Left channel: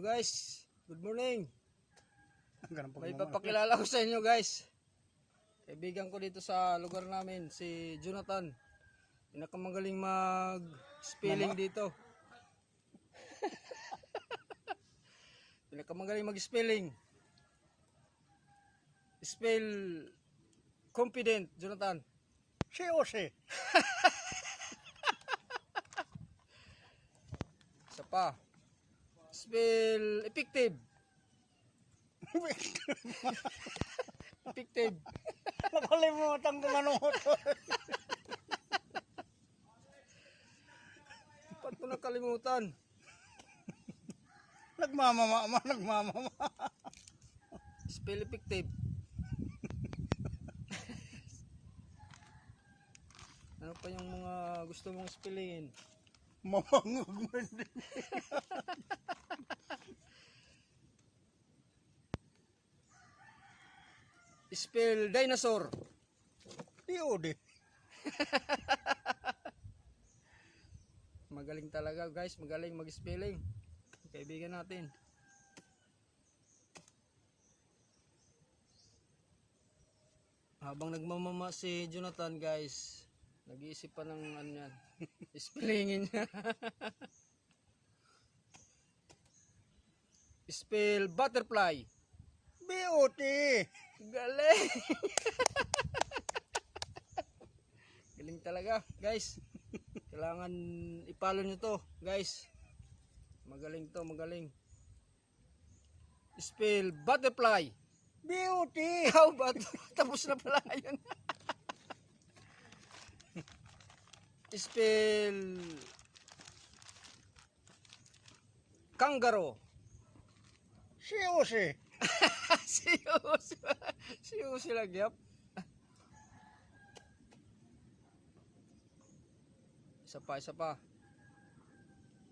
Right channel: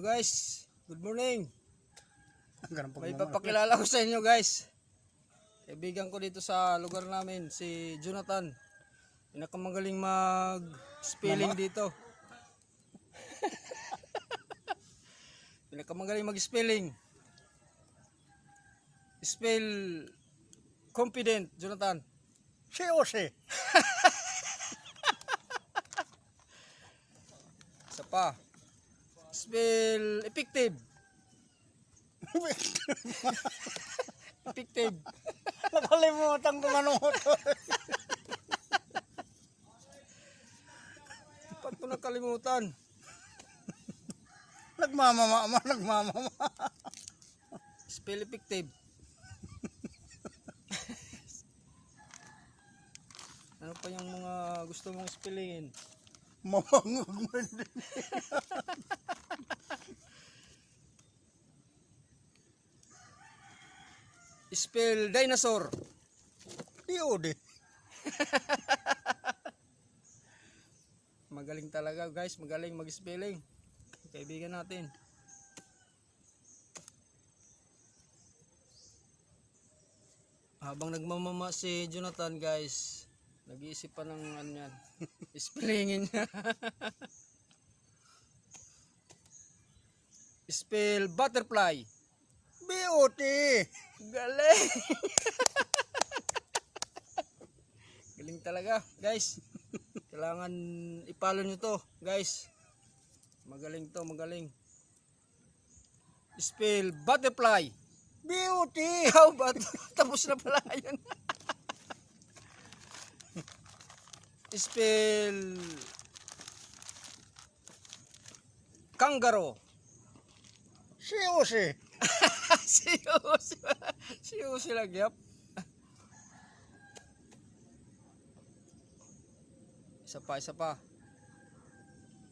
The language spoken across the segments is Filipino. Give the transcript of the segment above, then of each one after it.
Hello guys, good morning. May papakilala ko sa inyo guys. Kaibigan ko dito sa lugar namin, si Jonathan. Pinakamagaling mag-spelling dito. Pinakamagaling mag-spelling. Spell confident, Jonathan. Si. Isa pa. Spell effective. Effective. Nakalimutan ko ano mo to. Ba't ko nakalimutan? Nagmamama. Spell effective. Ano pa yung mga gusto mong spellin? Mamangog man din. Spell dinosaur. Iode. Magaling talaga guys, magaling mag-spelling. Kaibigan natin. Habang nagmamama si Jonathan guys, nag-iisip pa ng ano yan. Spellingin niya. Spell butterfly. BOT. Galing. Galing talaga guys. Kailangan ipalo nyo to guys. Magaling to, magaling. Spell butterfly. BOT. How about tapos na pala yan. Spell kangaroo. Si. Si lagi yap. Isa pa.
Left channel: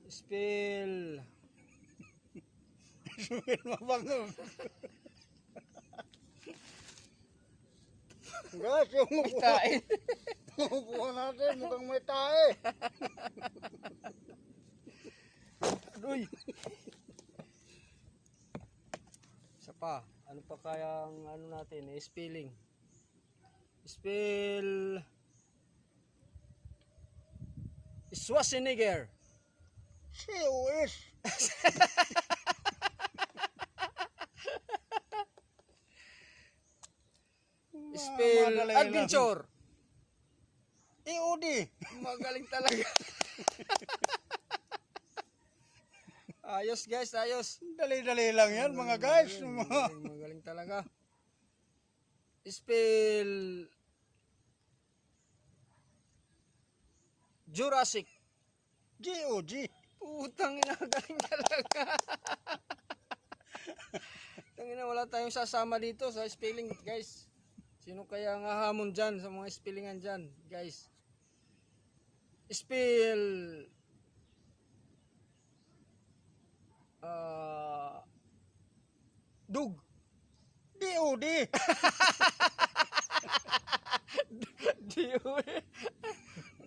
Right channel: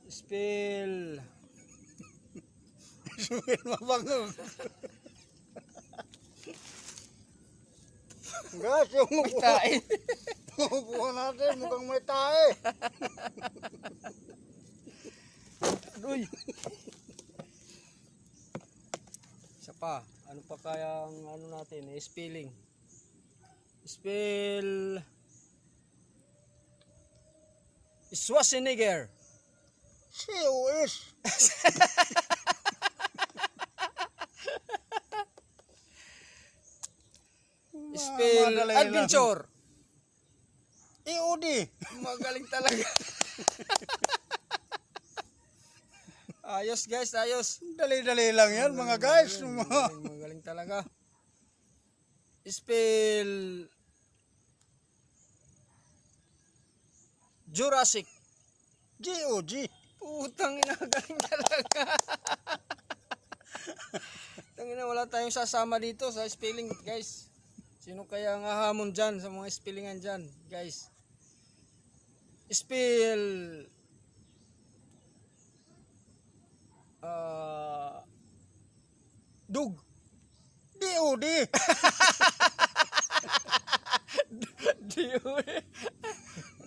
Spell Mabangog. Guys, yung kain. upuan natin mukhang may tae. Uy. Isa pa. Ano pa kaya ang ano natin? Spelling. Spell Schwarzenegger. COS. Spell Madali adventure. EOD. Magaling talaga. Ayos guys, ayos. Dali-dali lang yan mga guys. Magaling talaga. Spell Jurassic. GOG. Putang ina, galing talaga. Tangina, wala tayong sasama dito sa spelling guys. Sino kaya ang hahamon dyan sa mga spellingan dyan guys? Spell dug. DOD.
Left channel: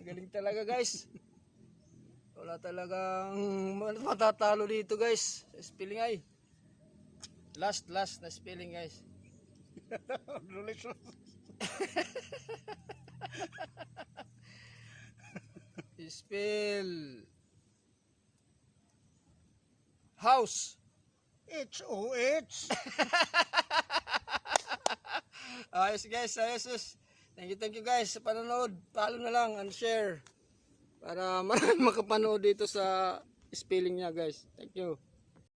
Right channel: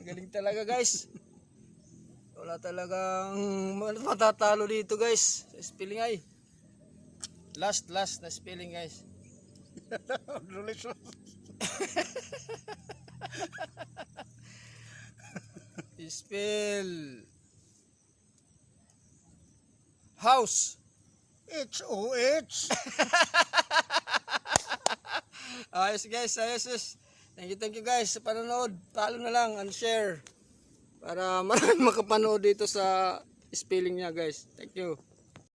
Galing talaga guys. Wala talagang matatalo dito guys. Spelling ay. Last na spelling guys. Spell house. HOH. Ayos guys, ayos. Thank you guys sa panonood. Follow na lang and share para marami makapanood dito sa spelling niya guys. Thank you.